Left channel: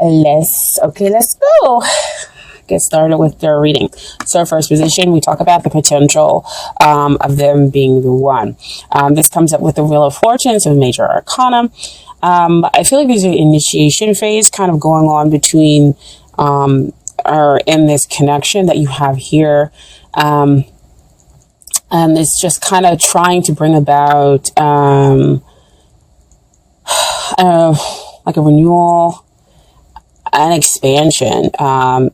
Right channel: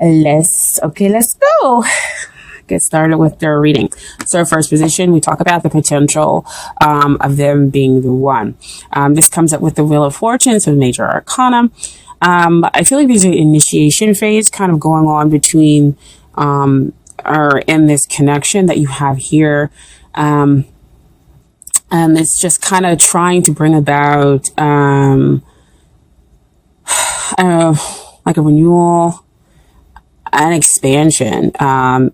Let's go. Get started with their reading. So first position, we talk about the potential of them being the one. This comes up with the Wheel of Fortune, so major arcana. I feel like there's an initiation phase kind of going on between or in this connection that you have here. And it's just kind of trying to bring about like a renewal, an expansion,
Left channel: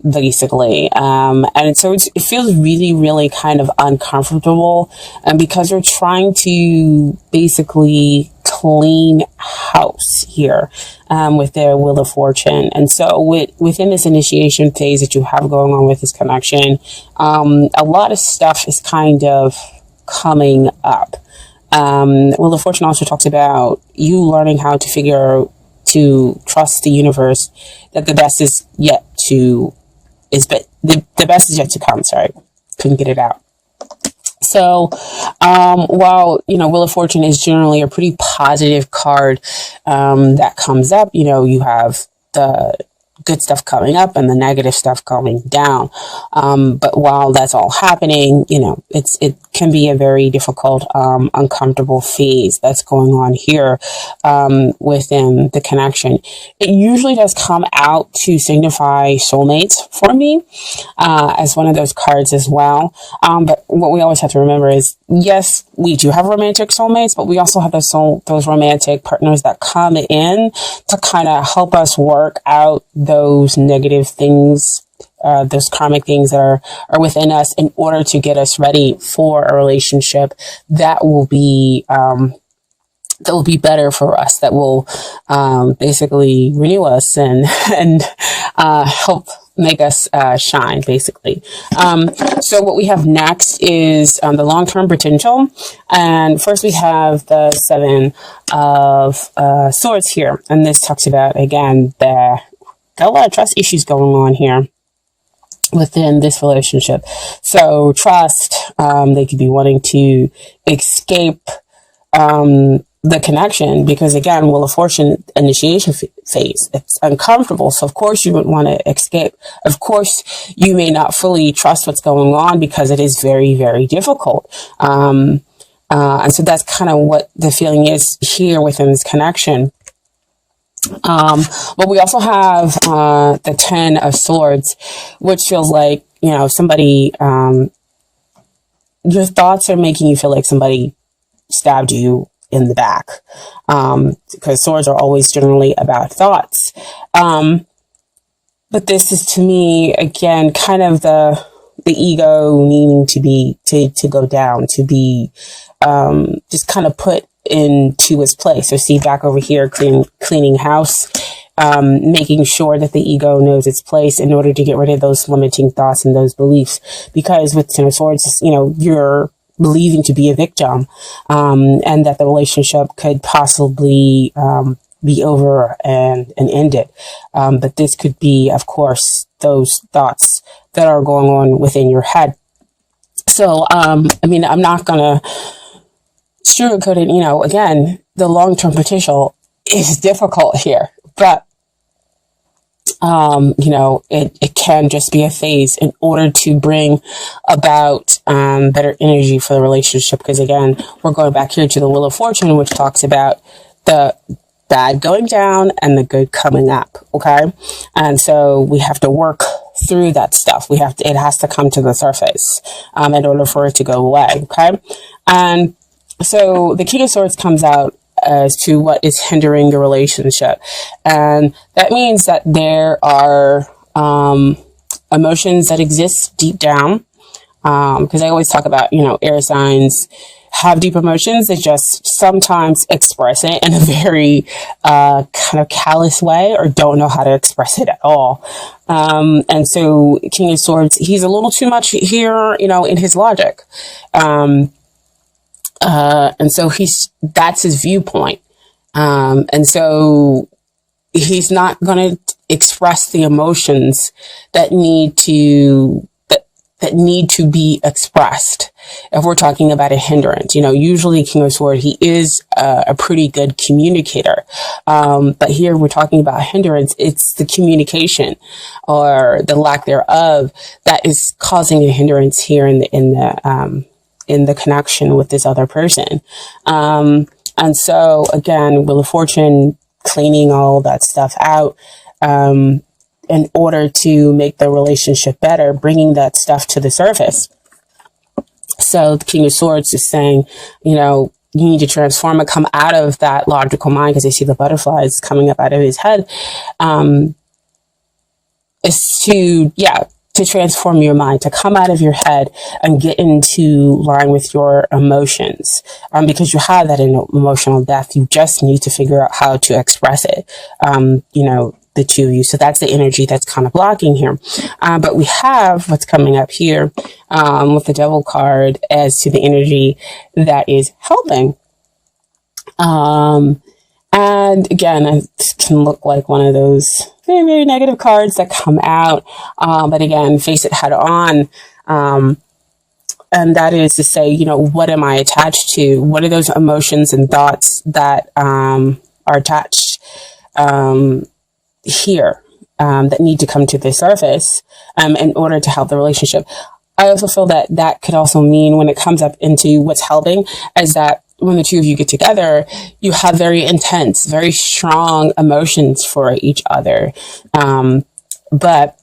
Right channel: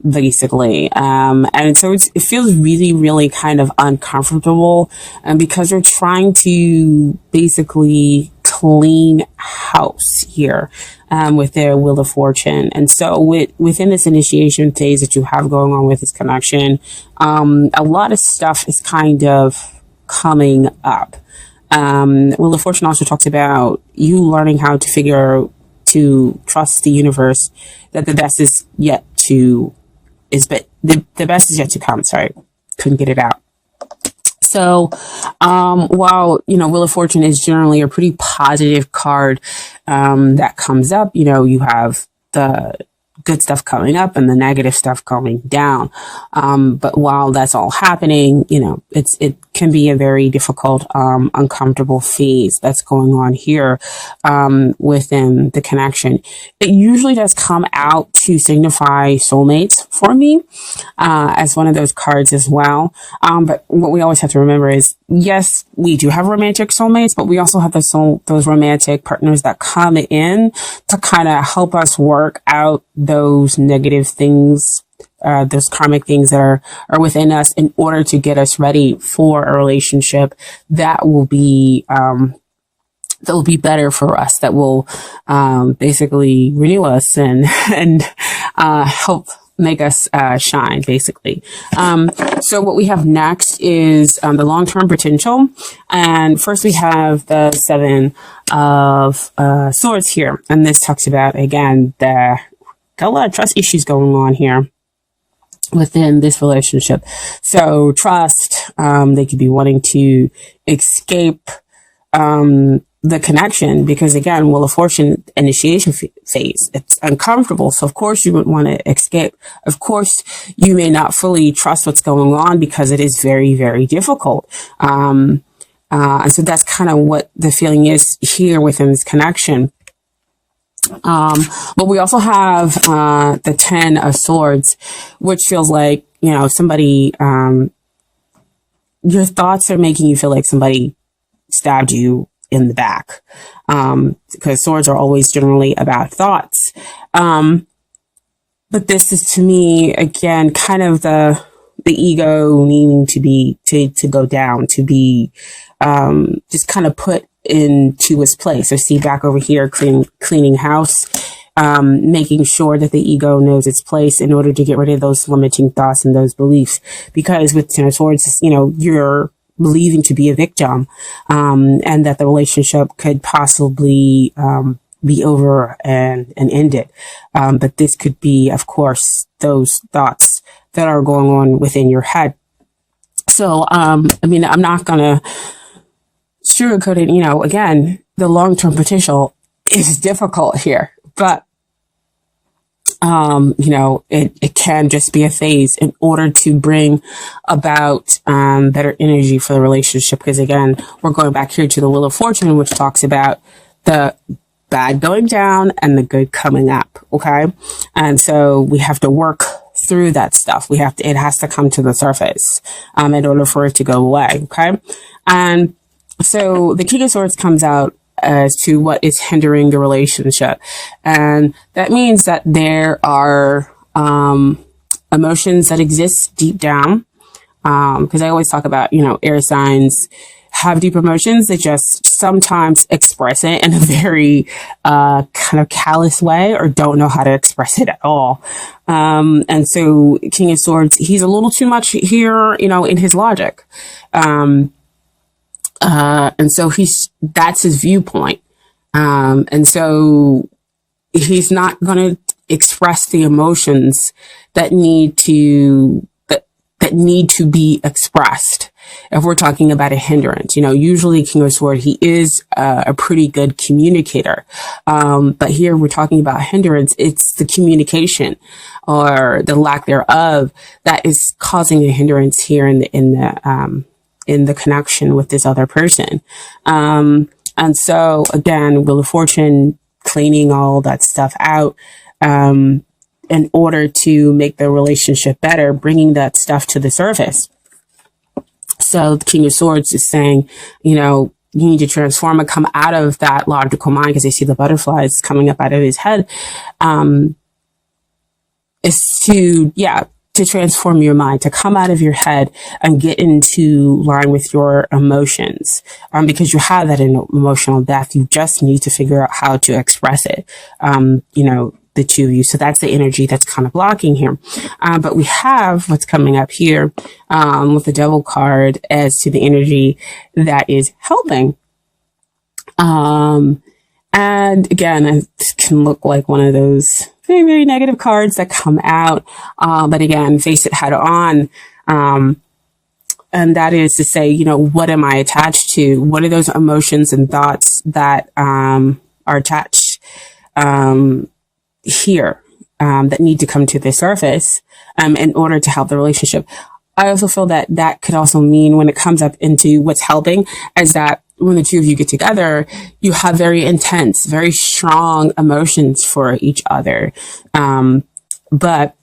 basically. And so it feels really, really kind of uncomfortable. And because we're trying to basically clean house here, with their Wheel of Fortune. And so within this initiation phase that you have going on with this connection, a lot of stuff is kind of coming up. Wheel of Fortune also talks about you learning how to trust the universe, that the best is yet to the best is yet to come. Sorry, couldn't get it out. So while Wheel of Fortune is generally a pretty positive card that comes up, you have the good stuff coming up and the negative stuff coming down. But while that's all happening, it can be a very difficult, uncomfortable phase that's going on here within the connection. It usually does come out to signify soulmates for me as one of those cards as well. But what we always have to remember is, yes, we do have romantic soulmates, but we also have those romantic partners that come in to kind of help us work out those negative things, those karmic things that are within us, in order to get us ready for a relationship that will be better for us, that will basically renew us and help make us shine, basically. So what we have next is the long-term potential. And first we have the Seven of Swords here. And this talks about, again, got a lot of trust issues going on here within this relationship. So trust, they could be wanting to escape the connection, because again, Wheel of Fortune, initiation phase, it's uncomfortable. So of course you would want to escape. Of course you may not fully trust what's going on because it is very, very difficult. And so that's kind of what the feeling is here within this connection. But we also have the Ten of Swords, which feels like, somebody, your thoughts are making you feel like somebody stabbed you in the back, because swords are always generally about thoughts. But this is, to me, again, kind of the ego needing to go down, to be just kind of put into its place. So see, back over here, cleaning house, making sure that the ego knows its place in order to get rid of those limiting thoughts and those beliefs. Because with Ten of Swords, you're believing to be a victim, and that the relationship could possibly be over and ended. But this could be, of course, those thoughts that are going on within your head. So, I'm not going to sugarcoat it. Again, the long-term potential is difficult here, but it can just be a phase in order to bring about better energy for the relationship. Because again, we're going back here to the Wheel of Fortune, which talks about the bad going down and the good coming up. Okay. And so we have to work through that stuff. It has to come to the surface in order for it to go away. Okay. And so the King of Swords comes out as to what is hindering the relationship. And that means that there are emotions that exist deep down. Because I always talk about, air signs have deep emotions. They just sometimes express it in a very kind of callous way, or don't know how to express it at all. And so King of Swords, he's a little too much here, in his logic. And so that's his viewpoint. And so he's not going to express the emotions that need that need to be expressed. If we're talking about a hindrance, usually King of Swords, he is a pretty good communicator. But here we're talking about hindrance. It's the communication or the lack thereof that is causing a hindrance here in the connection with this other person. And so again, Wheel of Fortune, cleaning all that stuff out, in order to make the relationship better, bringing that stuff to the surface. So the King of Swords is saying, you need to transform and come out of that logical mind, because I see the butterflies coming up out of his head, is to transform your mind, to come out of your head and get into line with your emotions. Because you have that emotional depth. You just need to figure out how to express it. The two of you. So that's the energy that's kind of blocking here. But we have what's coming up here with the Devil card as to the energy that is helping. And again, it can look like one of those very, very negative cards that come out. But again, face it head on. And that is to say, what am I attached to? What are those emotions and thoughts that are attached here that need to come to the surface in order to help the relationship? I also feel that could also mean, when it comes up into what's helping, is that when the two of you get together, you have very intense, very strong emotions for each other. But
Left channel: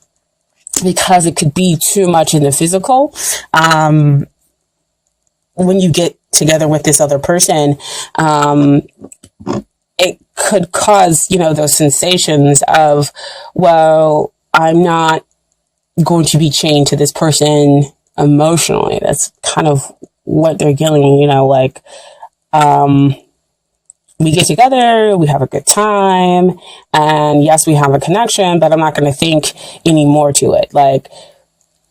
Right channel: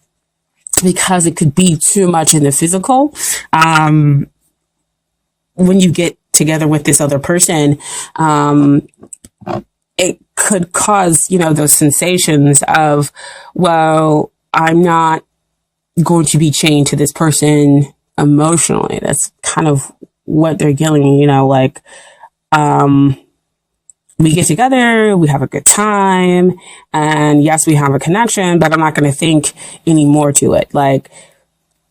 because it could be too much in the physical, when you get together with this other person, it could cause, those sensations of, well, I'm not going to be chained to this person emotionally. That's kind of what they're getting, we get together, we have a good time, and yes, we have a connection, but I'm not going to think any more to it. Like,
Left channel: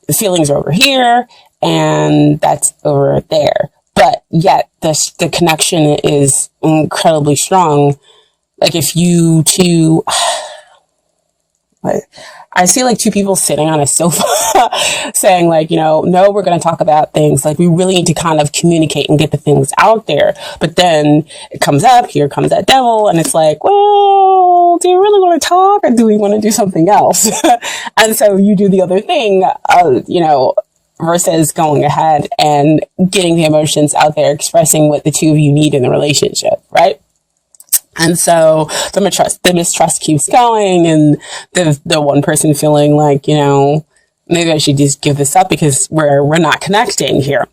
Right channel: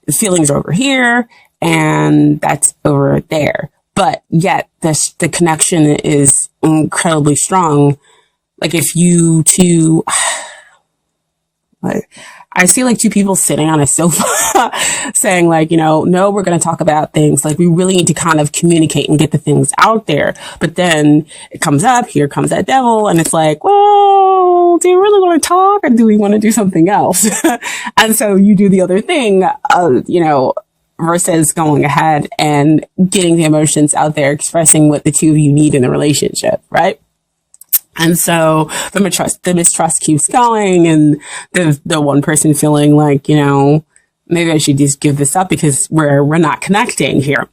the feelings are over here and that's over there. But yet the connection is incredibly strong. Like, if you two, I see like two people sitting on a sofa saying like, no, we're going to talk about things. Like, we really need to kind of communicate and get the things out there. But then it comes up, here comes that devil, and it's like, well, do you really want to talk, or do we want to do something else? And so you do the other thing, versus going ahead and getting the emotions out there, expressing what the two of you need in the relationship, right? And so the mistrust keeps going, and the one person feeling like, maybe I should just give this up because we're not connecting here.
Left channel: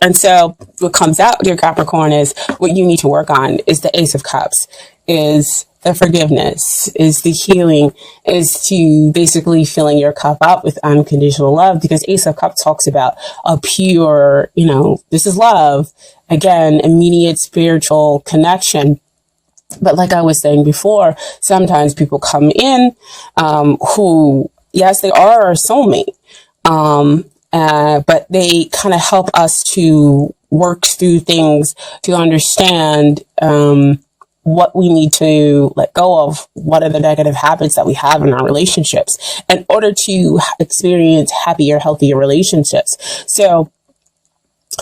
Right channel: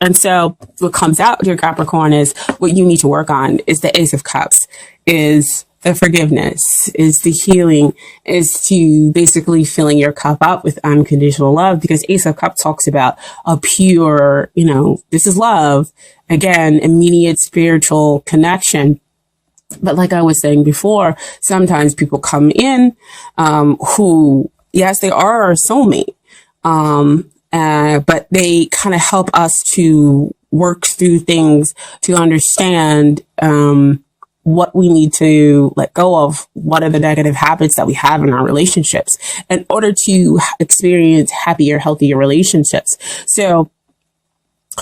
And so what comes out, dear Capricorn, is what you need to work on is the Ace of Cups, is the forgiveness, is the healing, is to basically filling your cup up with unconditional love, because Ace of Cups talks about a pure, this is love. Again, immediate spiritual connection. But like I was saying before, sometimes people come in who, yes, they are our soulmate, but they kind of help us to work through things, to understand what we need to let go of, what are the negative habits that we have in our relationships in order to experience happier, healthier relationships. So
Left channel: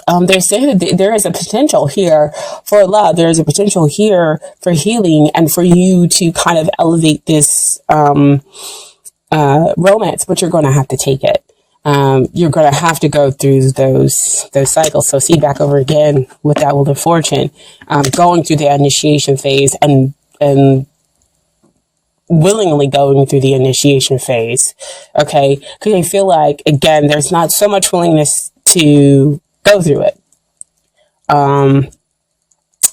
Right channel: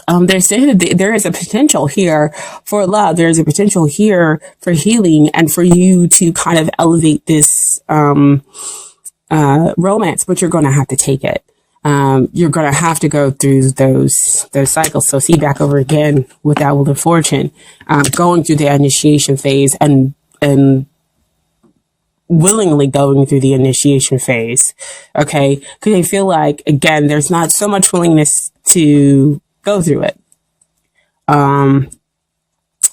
there is a potential here for love. There's a potential here for healing, and for you to kind of elevate this romance, but you're going to have to take it. You're going to have to go through those cycles. So see, back over again with that Wheel of Fortune, going through the initiation phase and willingly going through the initiation phase. Okay. Because I feel like, again, there's not so much willingness to go through it.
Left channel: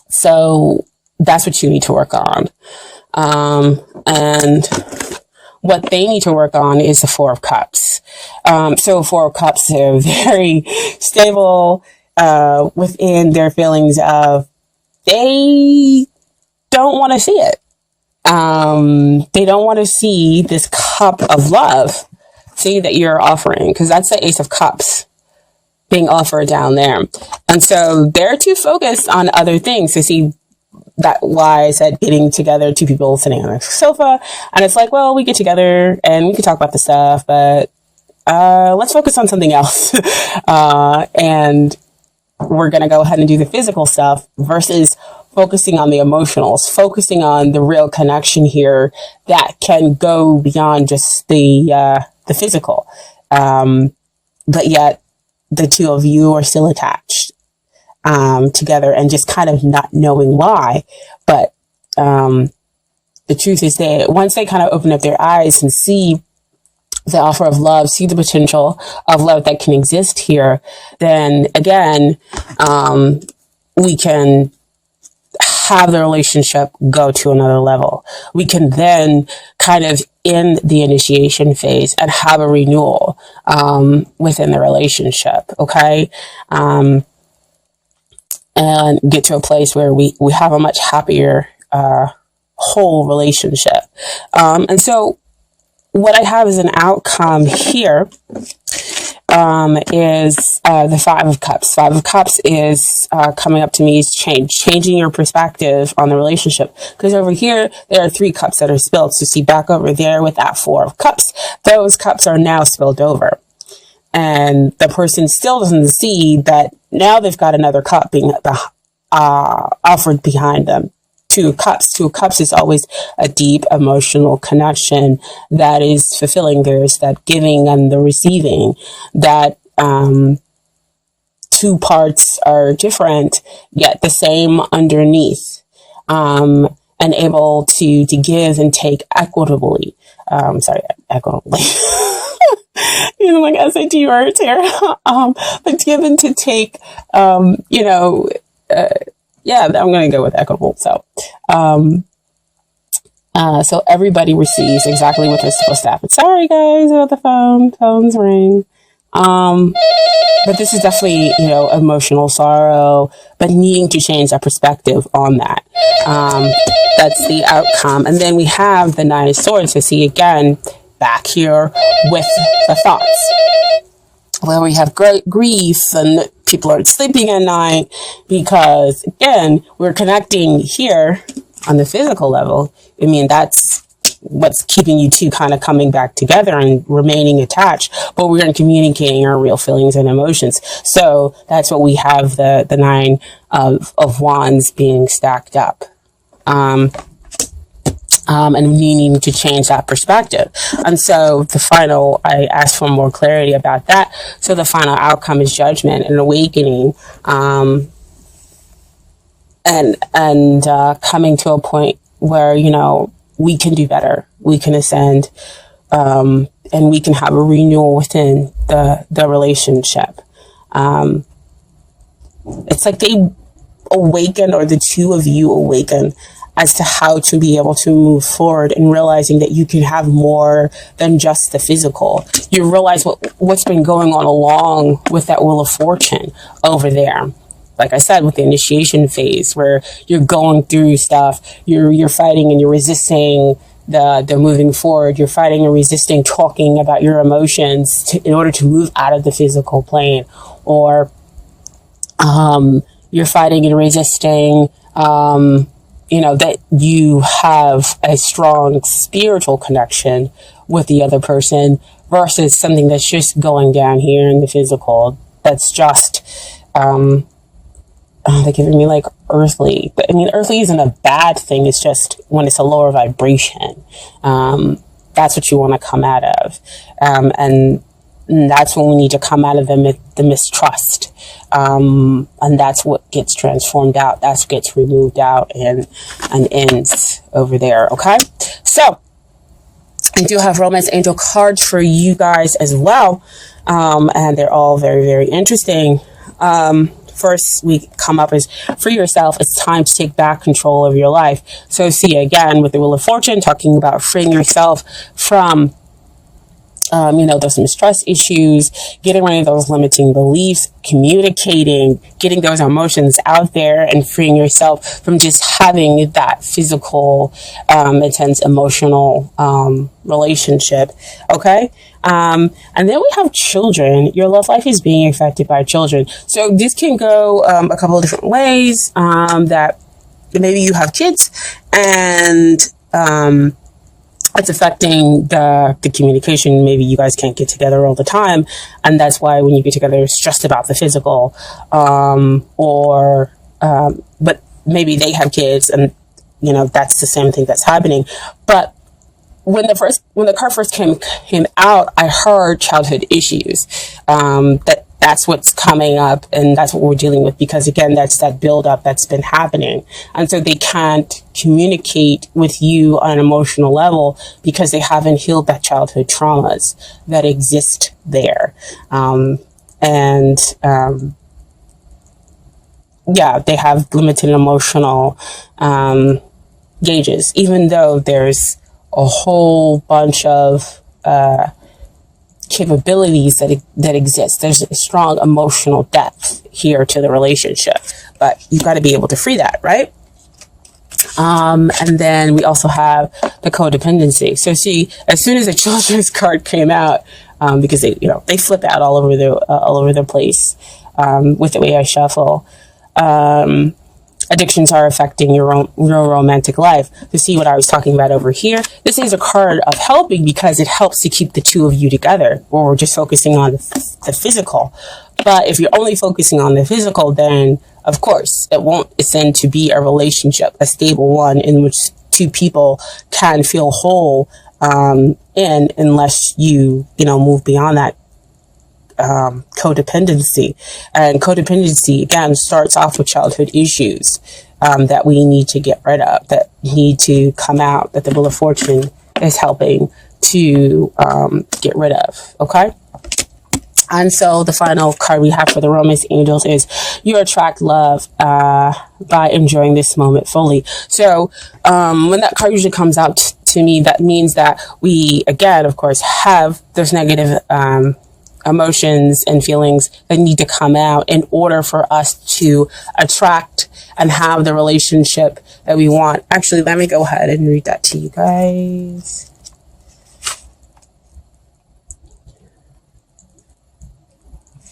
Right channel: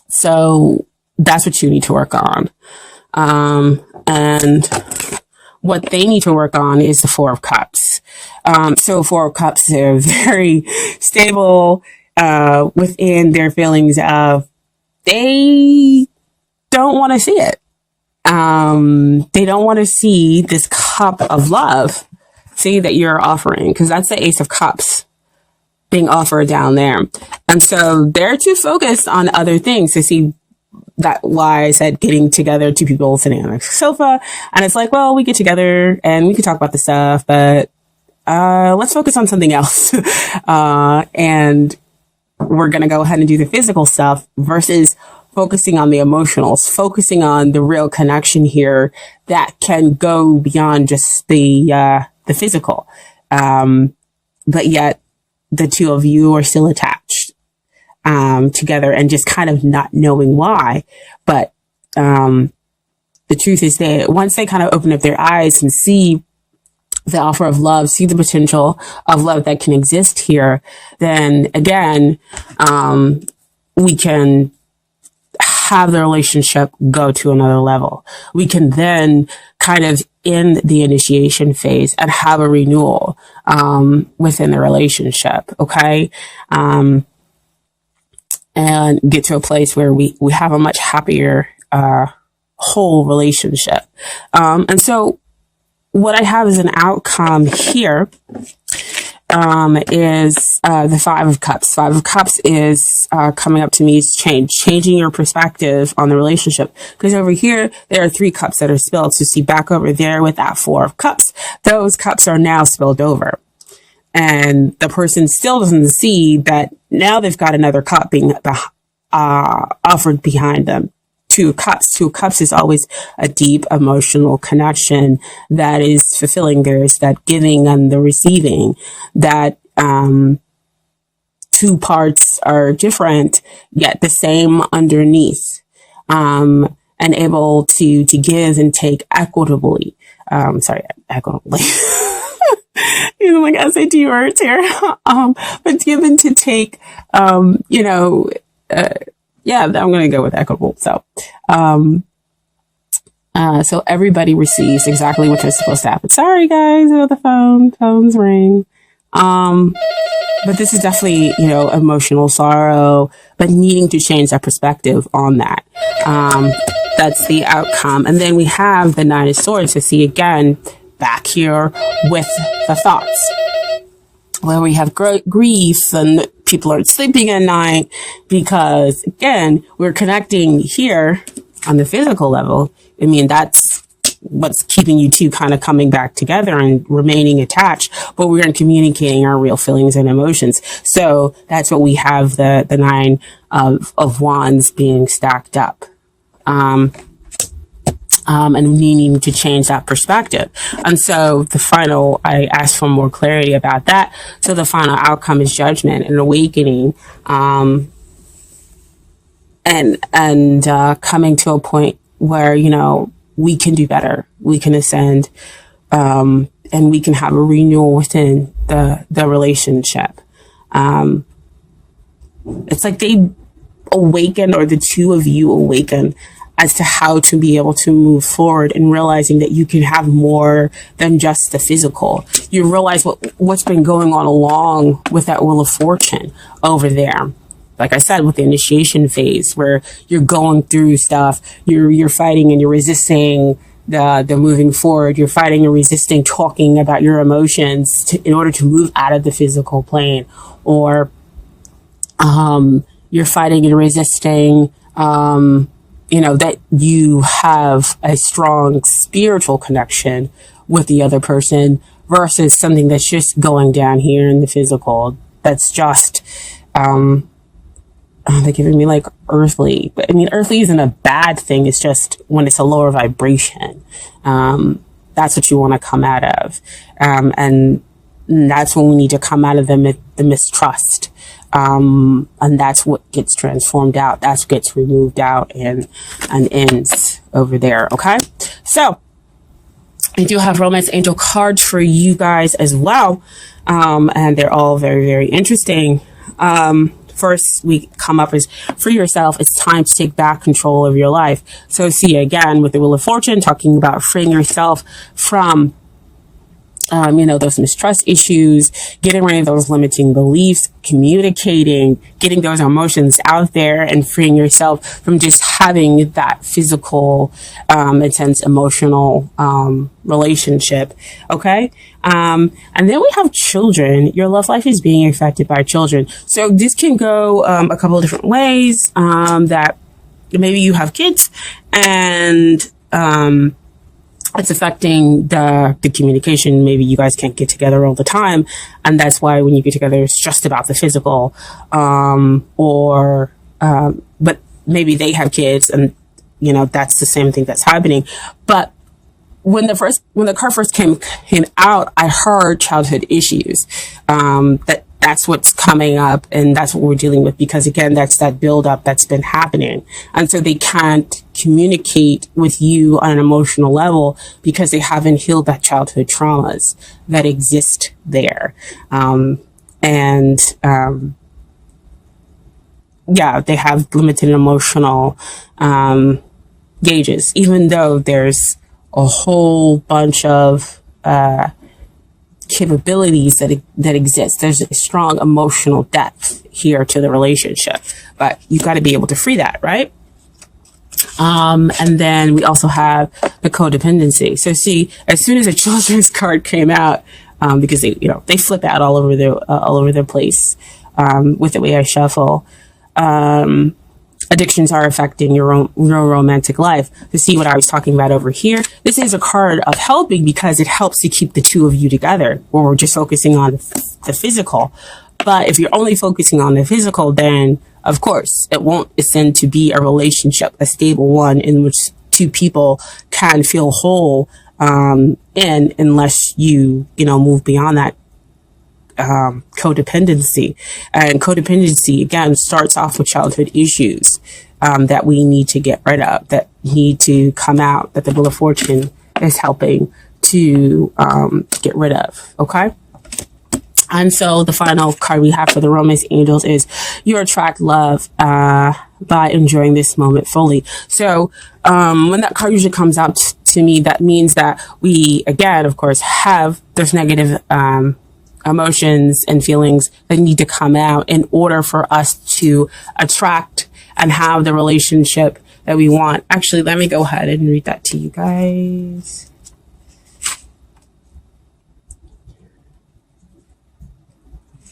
So that's what you need to work on. And what they need to work on is the Four of Cups. So Four of Cups are very stable within their feelings of they don't want to see it. They don't want to see this cup of love, see, that you're offering, because that's the Ace of Cups being offered down there. And so they're too focused on other things to see that. Why I said getting together, two people sitting on a sofa, and it's like, well, we get together and we can talk about the stuff, but let's focus on something else. And we're going to go ahead and do the physical stuff versus focusing on the emotionals, focusing on the real connection here that can go beyond just the physical. But yet the two of you are still attached, together and just kind of not knowing why. But, the truth is that once they kind of open up their eyes and see the offer of love, see the potential of love that can exist here, then again, we can have the relationship go to another level. We can then kind of end the initiation phase and have a renewal within the relationship, okay? And get to a place where we have a much happier whole relationship. And so what I have as an outcome here is the Five of Cups. Five of Cups is coming up to me is changing your perspective on the relationship. Because over here, there are 3 cups that are spilled. So see back over there with that 4 of Cups, those cups are now spilled over. And the person still doesn't see that now they've got another cup being offered behind them. 2 of Cups. 2 of Cups is always a deep emotional connection that is fulfilling. There's that giving and the receiving. That 2 parts are different, yet the same underneath, and able to give and take equitably. Equitably. Using like SAT words here. But give and to take, yeah, I'm going to go with equitable. So, so everybody receives exactly what they're supposed to happen. Sorry, guys, about the phones ring. But this is definitely, emotional sorrow, but needing to change that perspective on that. That's the outcome. And then we have the Nine of Swords. So see again, back here with the thoughts, where we have great grief and people aren't sleeping at night because, again, we're connecting here on the physical level. I mean, that's what's keeping you two kind of coming back together and remaining attached, but we're communicating our real feelings and emotions. So that's what we have the Nine of Wands being stacked up. And needing to change that perspective. And so I asked for more clarity about that. So the final outcome is judgment and awakening, and coming to a point where, we can do better, we can ascend, and we can have a renewal within the relationship. It's like they awaken, or the two of you awaken as to how to be able to move forward, and realizing that you can have more than just the physical. You realize what's been going on along with that Wheel of Fortune over there. Like I said, with the initiation phase, where you're going through stuff, you're fighting and you're resisting the moving forward. You're fighting and resisting talking about your emotions in order to move out of the physical plane, or you're fighting and resisting that you have a strong spiritual connection with the other person versus something that's just going down here in the physical. That's just, they're giving me like earthly, but I mean, earthly isn't a bad thing. It's just when it's a lower vibration, that's what you want to come out of. And that's when we need to come out of the mistrust. And that's what gets transformed out. That's what gets removed out and ends over there. Okay. So I do have romance angel cards for you guys as well. And they're all very, very interesting. First we come up as free yourself. It's time to take back control of your life. So see again with the Wheel of Fortune, talking about freeing yourself from those mistrust issues, getting rid of those limiting beliefs, communicating, getting those emotions out there, and freeing yourself from just having that physical, intense emotional, relationship. Okay. And then we have children. Your love life is being affected by children. So this can go, a couple of different ways, that maybe you have kids and, it's affecting the communication. Maybe you guys can't get together all the time, and that's why when you get together, it's just about the physical, but maybe they have kids, and that's the same thing that's happening. But when the card first came out, I heard childhood issues. That's what's coming up, and that's what we're dealing with, because again, that's that buildup that's been happening, and so they can't communicate with you on an emotional level because they haven't healed that childhood traumas that exist there, yeah, they have limited emotional gauges, even though there's a whole bunch of capabilities that exist. There's a strong emotional depth here to the relationship, but you've got to be able to free that, right? And then we also have the codependency. So see, as soon as the children's card came out, because they flip out all over the place with the way I shuffle. Addictions are affecting your romantic life. To see what I was talking about over here, this is a card of helping because it helps to keep the two of you together, or we're just focusing on the physical. But if you're only focusing on the physical, then of course it won't ascend to be a relationship, a stable one in which two people can feel whole unless you move beyond that codependency. And codependency again starts off with childhood issues that we need to get rid of, that need to come out, that the Wheel of Fortune is helping to get rid of. Okay. And so the final card we have for the Romance Angels is you attract love by enjoying this moment fully. So when that card usually comes out to me, that means that we, again, of course, there's negative emotions and feelings that need to come out in order for us to attract and have the relationship that we want. Actually, let me go ahead and read that to you guys.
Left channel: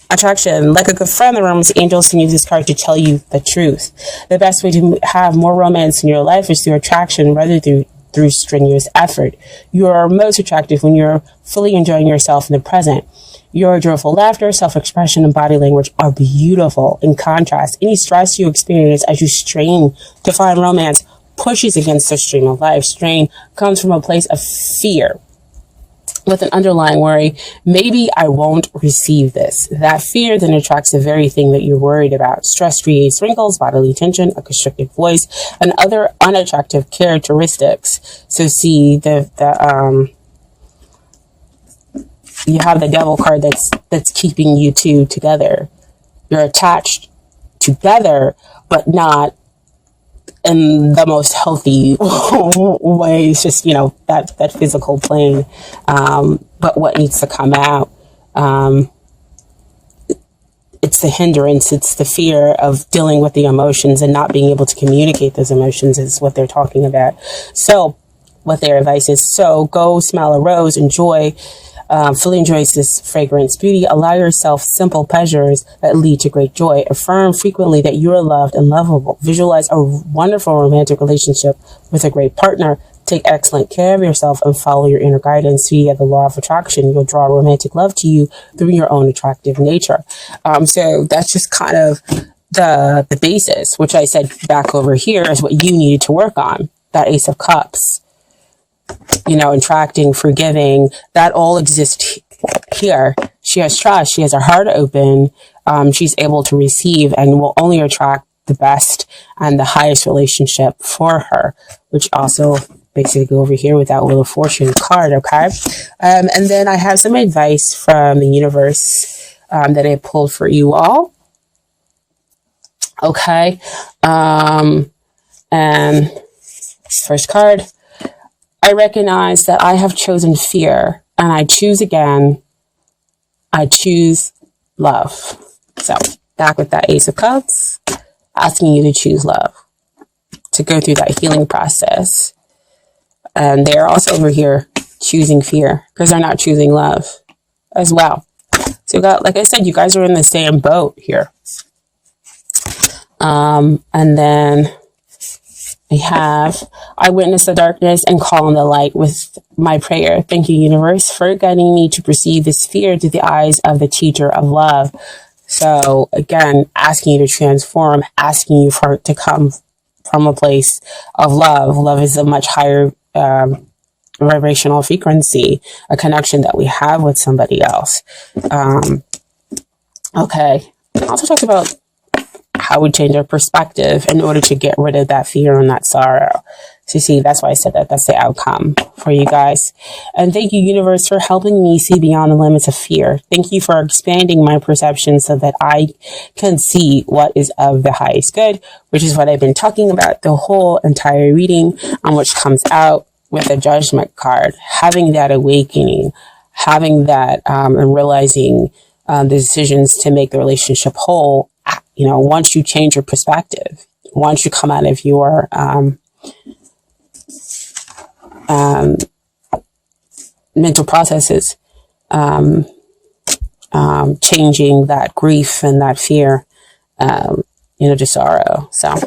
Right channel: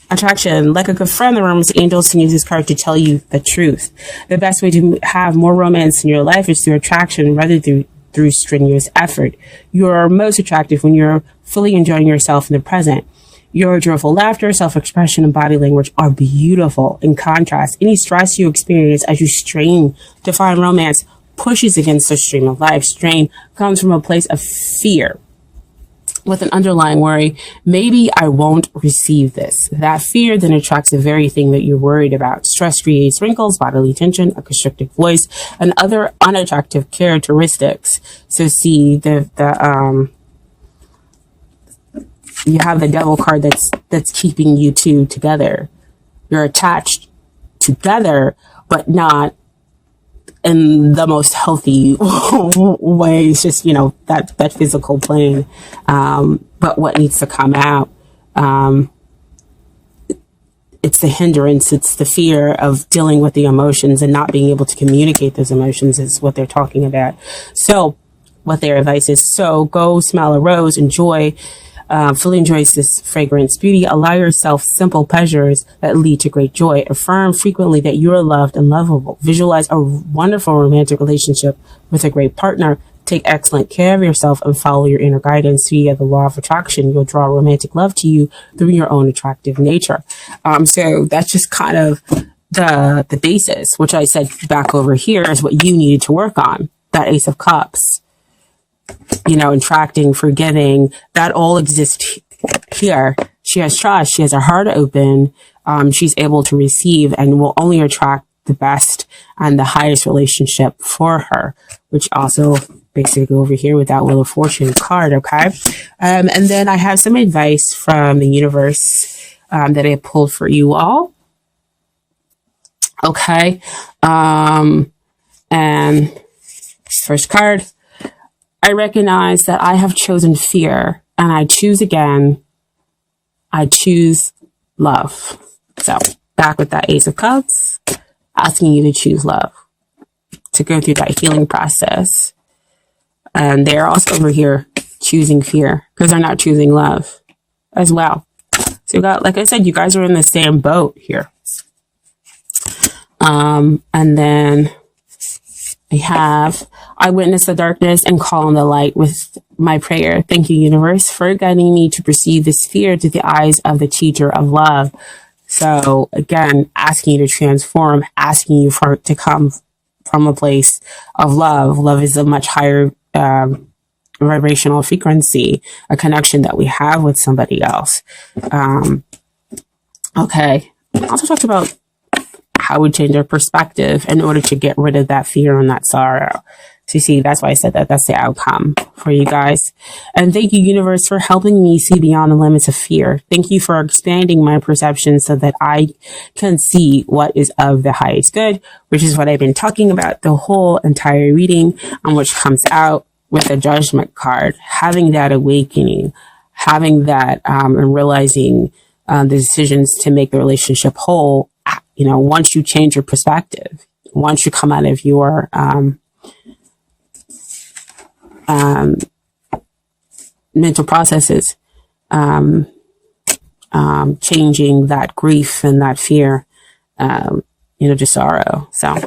Attraction. Like a good friend, the Romance Angels can use this card to tell you the truth. The best way to have more romance in your life is through attraction rather through strenuous effort. You are most attractive when you're fully enjoying yourself in the present. Your joyful laughter, self-expression, and body language are beautiful. In contrast, any stress you experience as you strain to find romance pushes against the stream of life. Strain comes from a place of fear with an underlying worry. Maybe I won't receive this. That fear then attracts the very thing that you're worried about. Stress creates wrinkles, bodily tension, a constricted voice, and other unattractive characteristics. So see, you have the Devil card that's keeping you two together. You're attached together, but not in the most healthy way. It's just, that physical plane. But what needs to come out, it's the hindrance, it's the fear of dealing with the emotions and not being able to communicate those emotions is what they're talking about. So what their advice is, so go smell a rose, fully enjoys this fragrance beauty. Allow yourself simple pleasures that lead to great joy. Affirm frequently that you are loved and lovable. Visualize a wonderful romantic relationship with a great partner. Take excellent care of yourself and follow your inner guidance via the law of attraction. You'll draw romantic love to you through your own attractive nature. So that's just kind of the basis, which I said back over here is what you need to work on. That Ace of Cups. Attracting, forgiving, that all exists here. She has trust. She has her heart open. She's able to receive and will only attract the best and the highest relationship for her, which also basically go over here with that Wheel of Fortune card, okay? And then I have some advice from the universe that I pulled for you all. Okay. And first card. I recognize that I have chosen fear and I choose again. I choose love. So back with that Ace of Cups, asking you to choose love, to go through that healing process. And they're also over here choosing fear because they're not choosing love as well. So like I said, you guys are in the same boat here. And then We have, I witness the darkness and call on the light with my prayer. Thank you, universe, for guiding me to perceive this fear through the eyes of the teacher of love. So again, asking you to transform, asking you for it to come from a place of love. Love is a much higher vibrational frequency, a connection that we have with somebody else. Okay. I also talked about how we change our perspective in order to get rid of that fear and that sorrow. So you see, that's why I said that. That's the outcome for you guys. And thank you, universe, for helping me see beyond the limits of fear. Thank you for expanding my perception so that I can see what is of the highest good, which is what I've been talking about the whole entire reading, on which comes out with a judgment card, having that awakening, having that and realizing the decisions to make the relationship whole. You know, once you change your perspective, once you come out of your mental processes, changing that grief and that fear, to sorrow. So